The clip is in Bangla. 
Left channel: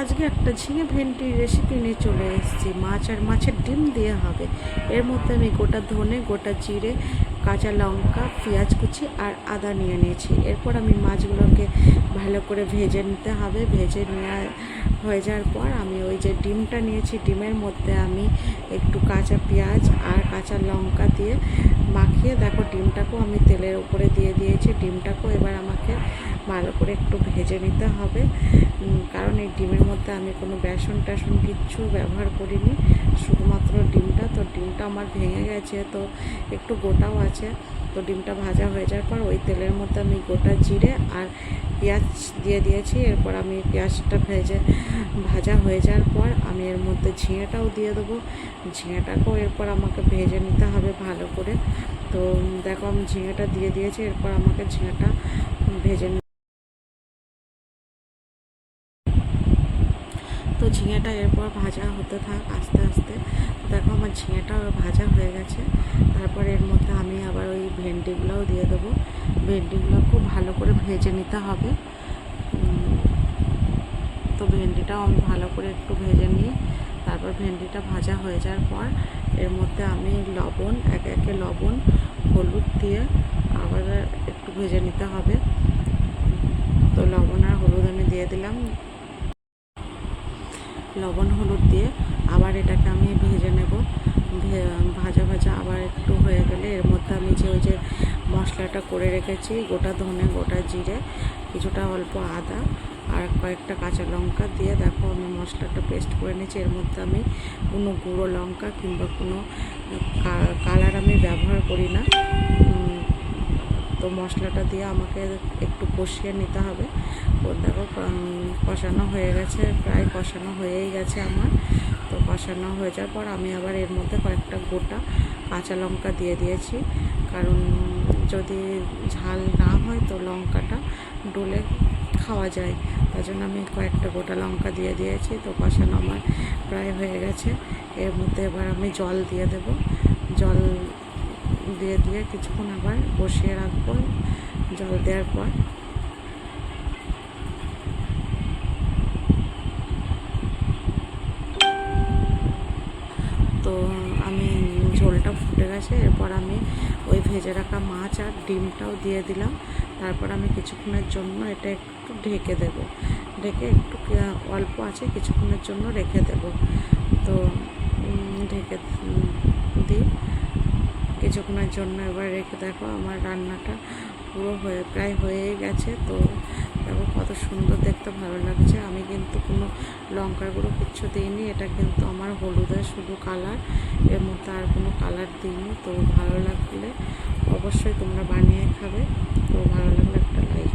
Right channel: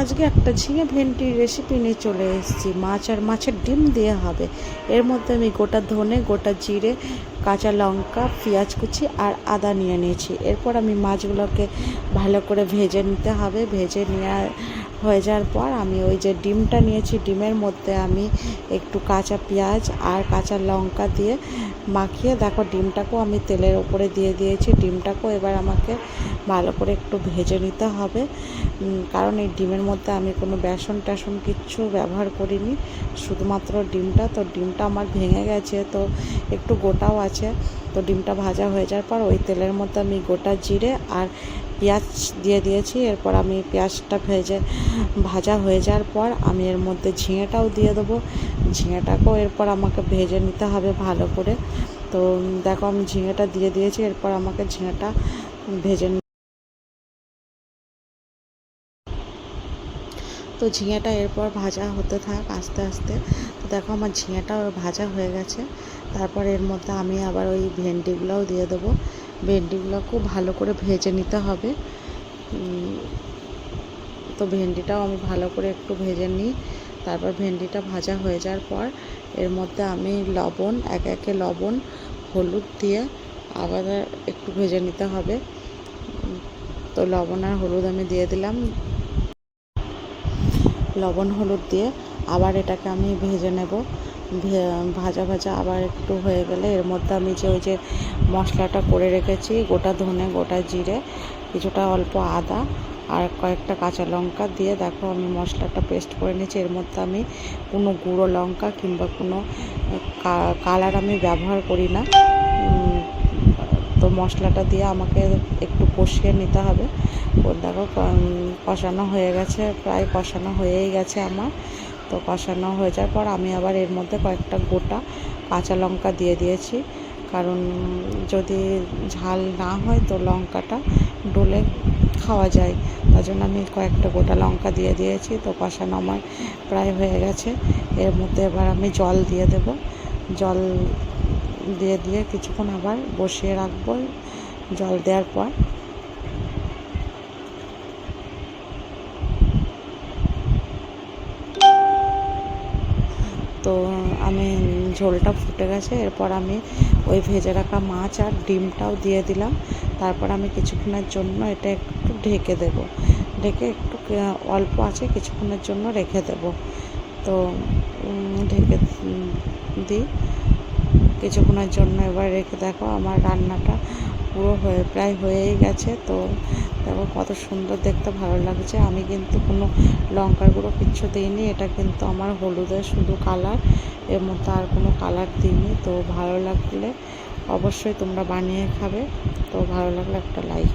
আজকে একটা ঝিঙে ভেন্ডির রেসিপি নিয়ে চলে এসেছি। মাছ আর মাছের ডিম দিয়ে হবে। এর মধ্যে আমি গোটা ধনে, গোটা জিরে, কাঁচা লঙ্কা, পেঁয়াজ কুচি আর আদা নিয়ে নিয়েছি। এরপর আমি মাছগুলোকে ভালো করে ভেজে নিতে হবে। ভেজে নেওয়া হয়ে যাওয়ার পর আমি ওই যে ডিমটা নিয়েছি, ডিমের মধ্যে আমি একটু কাঁচা পেঁয়াজ আর কাঁচা লঙ্কা দিয়ে মাখিয়ে, দেখো ডিমটাকেও আমি তেলের উপরে দিয়ে দিয়েছি। ডিমটাকেও এবার আমাকে ভালো করে একটু ভেজে নিতে হবে, কারণ এই ডিমের মধ্যে আমি কোনো বেসন টেসন কিচ্ছু ব্যবহার করিনি, শুধুমাত্র ডিমটা। তো ডিমটা আমার ভেঙে গেছে, তো একটু গোটাও আছে। তো ডিমটা ভাজা হয়ে যাওয়ার পর ওই তেলের মধ্যে আমি গোটা জিরে আর পেঁয়াজ দিয়ে দিয়েছি। এরপর আমি পেঁয়াজটা ভাজা হয়ে যাওয়ার পর আমি এর মধ্যে ঝিঙেটাও দিয়ে দেবো। ঝিঙেটাকেও এরপর আমাকে ভেজে নিতে হবে ভালো করে। তো দেখো আমি ঝিঙেটা দিয়ে দিয়েছি। এরপর আমাকে ঝিঙেটা ভেজে তো ঝিঙেটা এরপর ভাজা হতে থাক আস্তে আস্তে। তো দেখো আমার ঝিঙেটাও ভাজা হয়ে গেছে। তারপর এর মধ্যে আমি আবার ওই ভেন্ডিগুলোও দিয়ে দেবো। ভেন্ডিগুলো খুব ভালো করে ভেজে নিতে হবে। তো ভেন্ডিটাও আমি ভালো করে একটু ভেজে নিই। তারপর ভেন্ডিটা ভাজা হয়ে যাওয়ার পর এর মধ্যে আমি লবণ, একে একে লবণ, হলুদ দিয়ে আবার একটু ভেজে নিতে হবে। তো লবণ আর হলুদ আমি দিয়ে দিলাম। লবণ হলুদ দিয়ে আবার এটাকে আমি ভেজে নেব। ভাজা ভাজা আবার একটু হয়ে গেলে এর মধ্যে আমি ওই যে মশলাটা করে রেখেছি, গোটা ধনে, গোটা জিরে, কিছুটা অল্প আদা আর কয়েকটা কাঁচা লঙ্কা দিয়ে দেখো আমি মশলাটা পেস্ট করে নিয়েছি। এর মধ্যে আমি কোনো গুঁড়ো লঙ্কা কিংবা কোনো কালার আমি ব্যবহার করি না। তো মশলাটা দিয়ে আমাকে একটু কষিয়ে নিতে হবে। দেখো কষানো হয়ে গেছে, প্রায় কষানো হয়েই গেছে আমার। তো কষানো হয়ে যাওয়ার পর আমি আবার এর মধ্যে কয়েকটা গোটা কাঁচা লঙ্কা দিয়ে দিয়েছি, কারণ যদি ঝাল না হয় তো লঙ্কাটা ডলে খাওয়া যায়, তার জন্য আমি কয়েকটা গোটা লঙ্কা দিয়ে দিয়েছি। তো কষানো আমার প্রায় হয়ে গেছে। এর মধ্যে এবার আমি জল দিয়ে দেব। জল দিয়ে কিছুক্ষণ আবার বসিয়ে রাখবো। জল দেওয়ার পর তো আমি ঝোলটা ফুটে গেছে। এরপর আমি ওই ভেজে রাখা মাছ আর ডিমটাও দিয়ে দিলাম। তারপর আমি কিছুক্ষণের জন্য এটা একটু ঢেকে দেব। ঢেকে একটু অল্প আছে কিছুক্ষণের জন্য রেখে দেব। তো ঢেকে দিই কিছুক্ষণের জন্য। এবার রেখে দেখো আমার রান্নাটা পুরো প্রায় হয়েই গেছে। তো দেখো কত সুন্দর দেখতে, ভালো লাগছে। আমি কিন্তু কোনো লঙ্কার গুঁড়ো কিচ্ছু দিইনি, এটা কিন্তু আমার হলুদের শুধু কালার, এর মধ্যে আর কোনো কালার দিইনি। তো ভালো লাগলে অবশ্যই তোমরা বানিয়ে খাবে। তো ভালো লাগলে একটা লাইক